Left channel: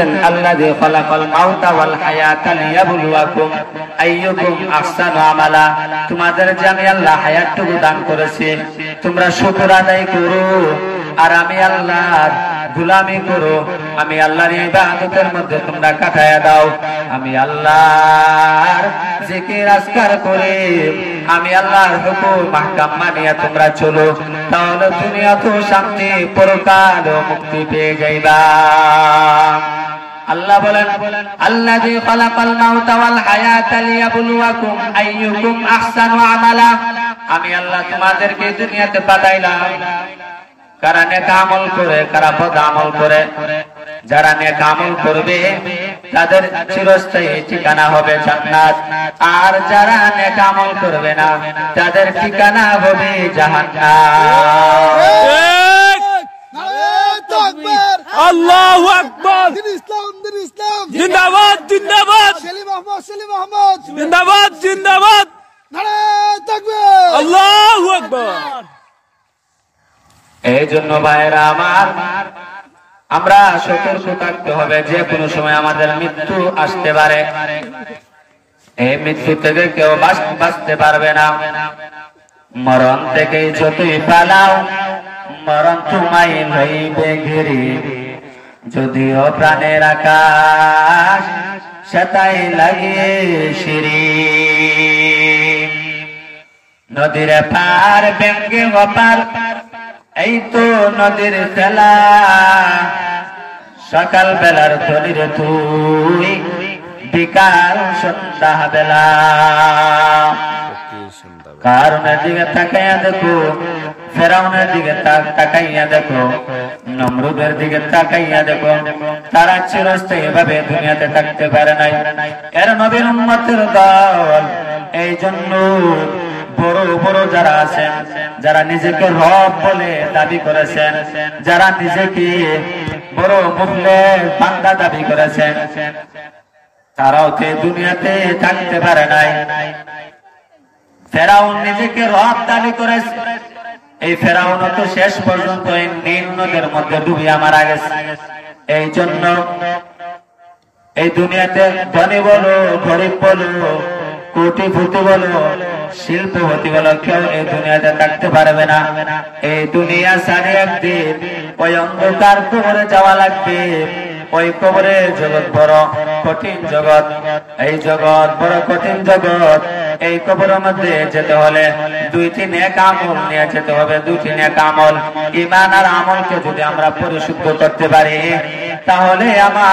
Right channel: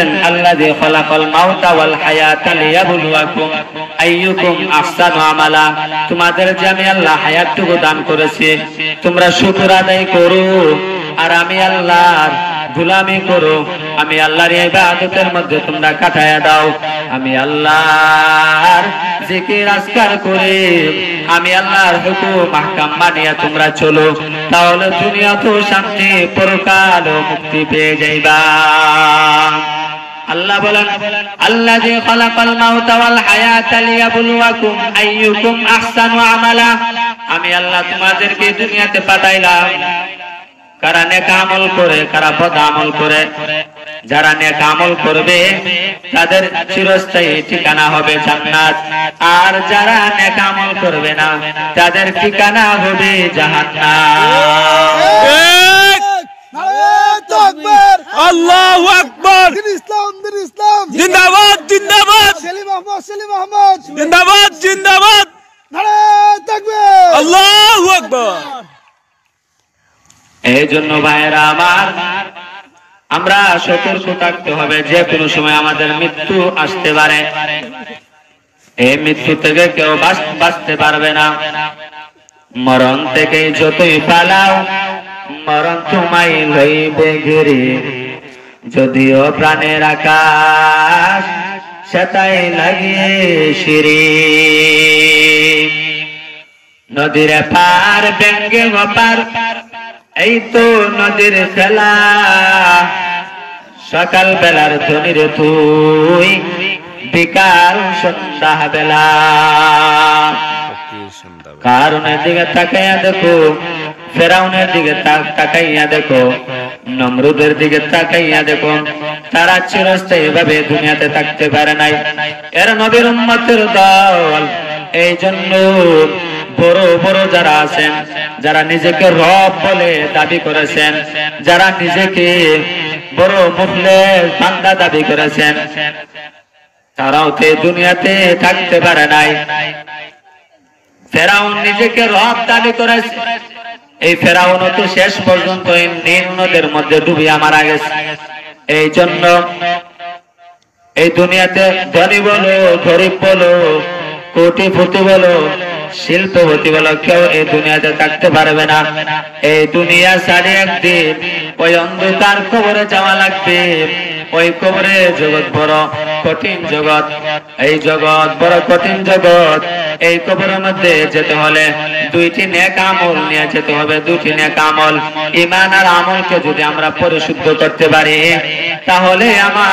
বলতেছেন আল্লাযী খালাকাল মাউতা ওয়াল হায়াতা লিয়াবলুয়াকুম আইয়ুকুম আহসানু আমালা। তোমাদের যে আমি আল্লাহ হায়াতটুকু দান করেছি, তোমরা শুকর আদায় করো আর আমি আল্লাহর গোলামি করো, আমি আল্লাহর ইবাদতের মধ্যে তোমরা কাটায়া দাও। আমি আল্লাহর জিকির আজকার করি, আমি আল্লাহর হুকুম আহকাম মানিয়া তোমরা চলো, তাহলে দুনিয়াতেও শান্তি, পরকালেও মুক্তি পেয়ে যাইবা। আল্লাহ বলেন আল্লাযী খালাকাল মাউতা ওয়াল হায়াতা লিয়াবলুয়াকুম আইয়ুকুম আহসানু আমালা। আমি আল্লাহ তোমাদেরকে দুনিয়াতে পাঠাইলাম কারা নেক আমল করে, কারা বদ আমল করে। যারা নেক আমল করবে তাদের চিরস্থায়ী ঠিকানা হবে জান্নাত, আর যারা নেক আমল করবে না তাদের ঠিকানা হবে জাহান্নাম। আল্লাহু আকবার, জিন্দাবাদ জিন্দাবাদ, জিন্দাবাদ জিন্দাবাদ, আল্লাহু আকবার। এই জন্য ভাইরা আমার, আমরা সতর্ক থাকতে হবে, যে কোনো সময় আমাদের মৃত্যু আসতে পারে। এই মৃত্যু থেকে কেউ বাঁচতে পারবে না। মরণ থেকে যতই পালাও, মরণ তোমায় লইবে ঘিরে। যদিও প্রাণের আকাশ সেটাই লাগিয়ে সিঁড়ি। নদীর পার ব্যঙ্গে ওপার, এই তো নদীর খেলা। সকাল বেলার ধনির তুই, বিকাল সন্ধ্যা বেলা। কারণের দিকে তাকাইয়া দেখো, ফেরাউনের দিকে তাকাইয়া দেখো, নমরুদের দিকে তাকাইয়া দেখো, তারা চিরস্থায়ী ভাবে দুনিয়াতে থাকতে পারে নাই। এর নবীর উম্মতের দল। এই জন্য বড় বড় যারা আছেন, যারা নিজেকে রব বলে দাবি করেছেন, যারা নিজেকে বড় মুখলেস বান্দা দাবি করেছেন, তারাও তো দুনিয়াতে থাকতে পারে নাই। ফেরাউন নিজেকে রব দাবি করেছে, এই ফেরাউন তো শেষ পর্যন্ত এই নীল নদের মধ্যে ডুবিয়া মারা গেছে। এই জন্য এই দুনিয়াতে ধনী বলো, গরিব বলো, কোটিপতি বলো, শিল্পপতি বলো, কেউ এই দুনিয়াতে থাকতে পারবে না। এই দুনিয়া সারি একদিন ওই অন্ধকার কবরে যাওয়া লাগবে। ওই কবরে জগৎ বড় কঠিন জগৎ, এই জগৎ বড় কঠিন জগৎ। এই কবরের মধ্যে যেতে হলে দুইটি নেক আমল নিয়ে যেতে হবে। দুইটি নেক আমল, ঈমান আর আমলকে যদি আমরা পরিশুদ্ধ করতে পারি, তাহলে আমার